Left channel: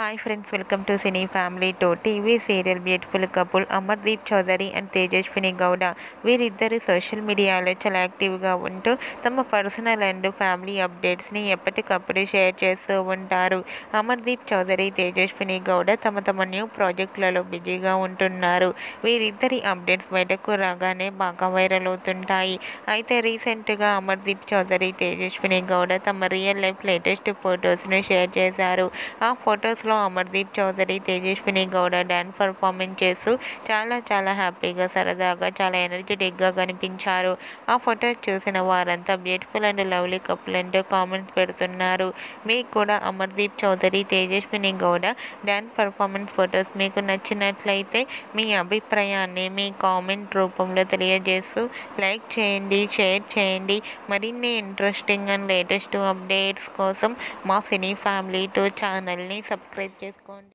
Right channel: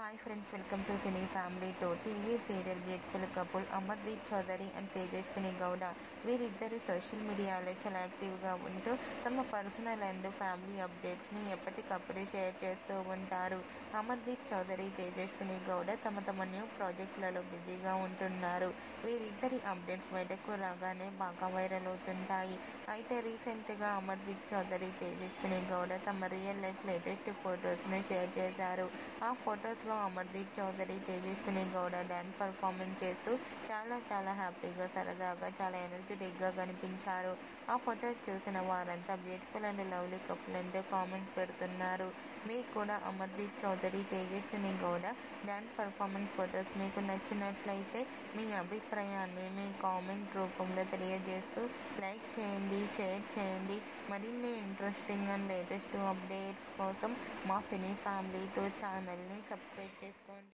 Hi friends, welcome to cine family two. TV serial beautiful couple Amardeep Chowdary and Tejaswini Gowda వీరిద్దరు social మీడియాలో చాలా యాక్టివ్గా ఉంటూ తమ పర్సనల్ అండ్ ఫ్యామిలీ అప్డేట్స్ని ఎప్పటికప్పుడు షేర్ చేస్తూ ఉంటారు. అమర్దీప్ చౌదరి, తేజస్విని గౌడ తమ న్యూ ప్రాజెక్టులలో బిజీగా ఉంటున్నారు. వీరిద్దరి అప్డేట్స్ బయటకు రాగానే బాగా వైరల్ అవుతుంటాయి. అయితే రీసెంట్గా అమర్దీప్ చౌదరి, తేజస్విని గౌడ తమ రియల్ లైఫ్ లేటెస్ట్ ఫొటోస్ను షేర్ చేశారు. ఆ ఫొటోస్లో అమర్దీప్ చౌదరి, తేజస్విని గౌడ డాన్స్ పర్ఫార్మెన్స్ చేస్తూ చాలా హ్యాపీగా, సరదాగా, చాలా ఎనర్జెటిక్గా కనిపించారు. ఆ ఫొటోస్ చూసిన వారంతా బ్యూటిఫుల్ అండ్ లవ్లీ కపుల్ అంటూ కామెంట్స్ పెడుతున్నారు. మీకు కూడా Amardeep Chowdary, Tejaswini Gowda dance performance photos మీకు నచ్చినట్లయితే మీ అభిప్రాయాన్ని మీ కామెంట్ రూపంలో తెలియజేస్తూ లైక్ చేయండి, షేర్ చేయండి. మరిన్ని ఇంట్రెస్టింగ్ అండ్ లేటెస్ట్ అప్డేట్స్ కోసం మా సినీ ఫ్యామిలీ టూ ఛానల్ని సబ్స్క్రైబ్ చేసుకోండి.